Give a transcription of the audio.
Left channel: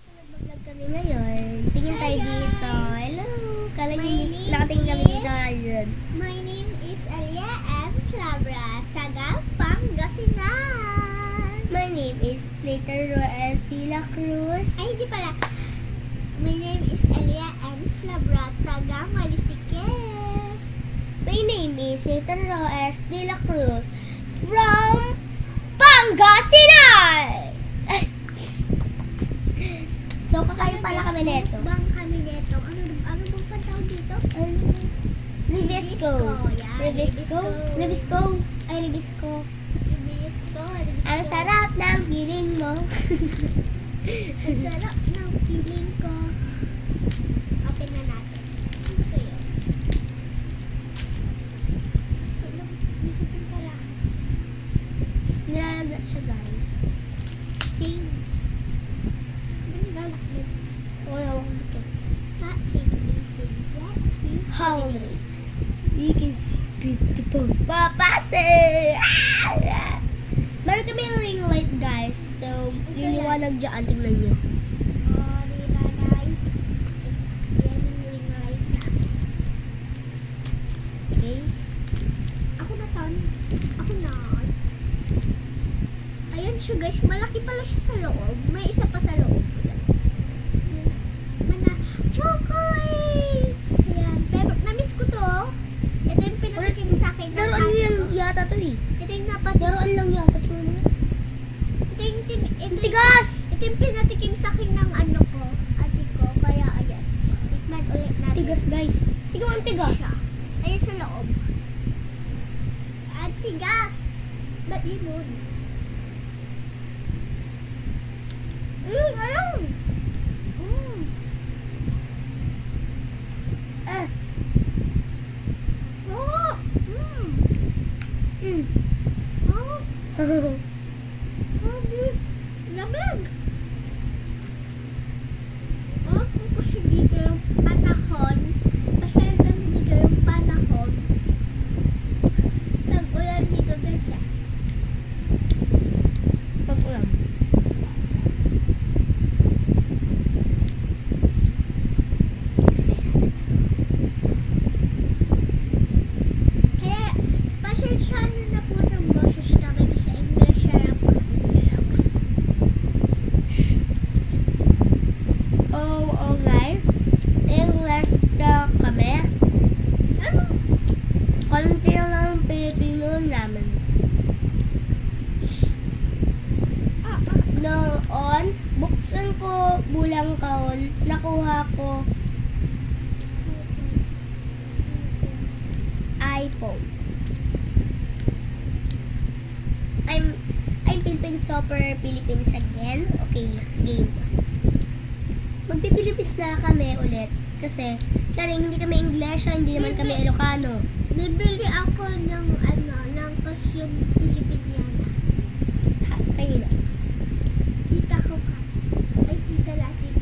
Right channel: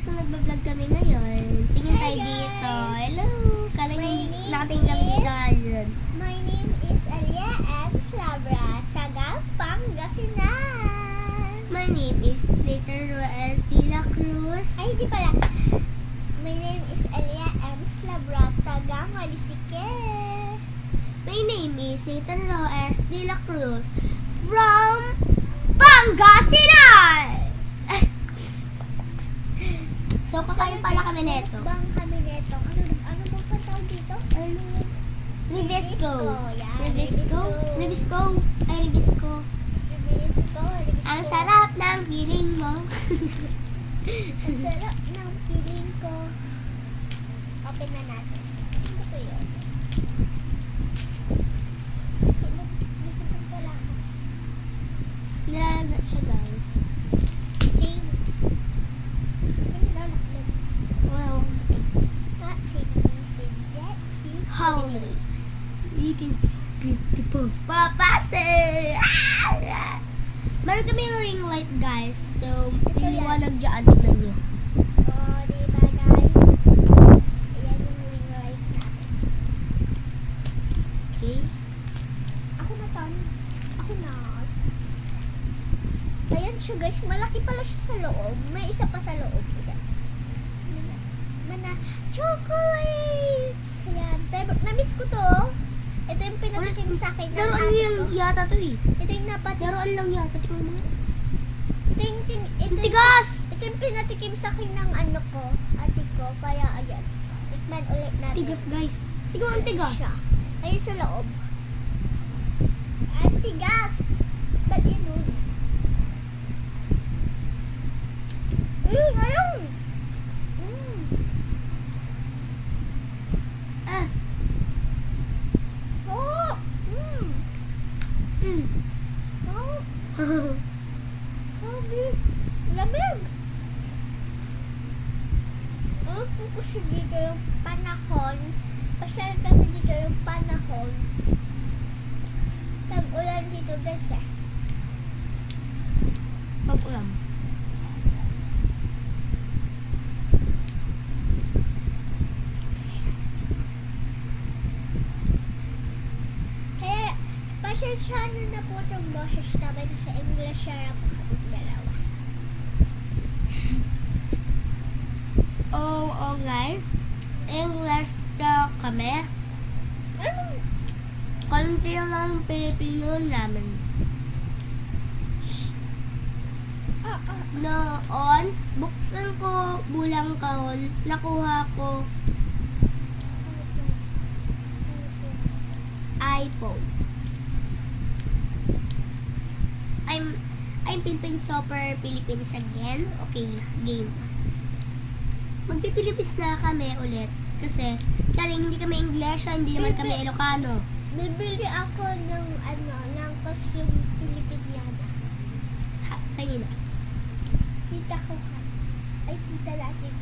So, nagbablog kami ngayon. Tingin tayo dito. Hello! Kala niyo hindi nakatingin kami dito ngayon. My name is Alia M. Slabra, taga Pangasinan. My name is Later Roel de la Cruz. Ay, hindi pala. My name is Alia M. Slabra, taga Malisike. My name is Nathan Roes de la Cruz from Pangasinan! So, kakain pala kami neto. Bang kami neto. Ano bang patawag dito? Ribisco. Yeah, Ribisco? Ribisco? Ay, Ribisco. Ribisco. Ang sarap ng feeling mo. Ang sarap ng feeling ko. Open na natin. Ano ba yun? Dito pala. Nilalagnat siya, guys. Sing. Lalakad. Wow. Not singing, sing. That sing. Hungry. You can see beautiful papase! Meron kami yung ring light, guys. So, liliwanag dyan. Tignan nyo. Oh, di ba guys? Yan yung ring light namin. Okay? Ako na tan. Ako na. Ayan siya guys. Malaki pala siya sa loob. May isa pa sa loob. Ayan. Mana chocolates! Ayan. Pero namiss ko to. Ito yung pinatikim sa akin. ng Laruan ate lang ko. yata to eh. Ito yung napatikim. Laruan lang yata. Tingnan mo nga. Ito Tigas! ito yung pinatikim sa akin ng ano ko. Ate ko. Kaya ayan. Tikman ulit natin. Tigas, guys. Tingnan mo ang tigas. Siya. Ayun sa loob. Ang tigas. Ba't yun? Ayun. Ah. Oh. Mm. Oh. Lamig. Kung kasi dito yung panahon, pasal kami dito yung panahon, tag-ulan dito guys ah. Pag-ulam. Kaya, pasensya na po itong boses namin sa English na lang po kami dalawa. Oh, okay. English na kami. Ano? Konti lang Pilipino namin. Noon, buksan ko bulang kahon, nakuha ko iPhone. I'm Philippine Super Philippines again. Okay, game. Magpipilipis na kami ulit kasi syari hindi kami English, hindi naman kami Ilocano. Bibili ako ng ano, ng pasyong Pilipiniana. Ha, kanina. Tita ko ka. Ay, tita natin.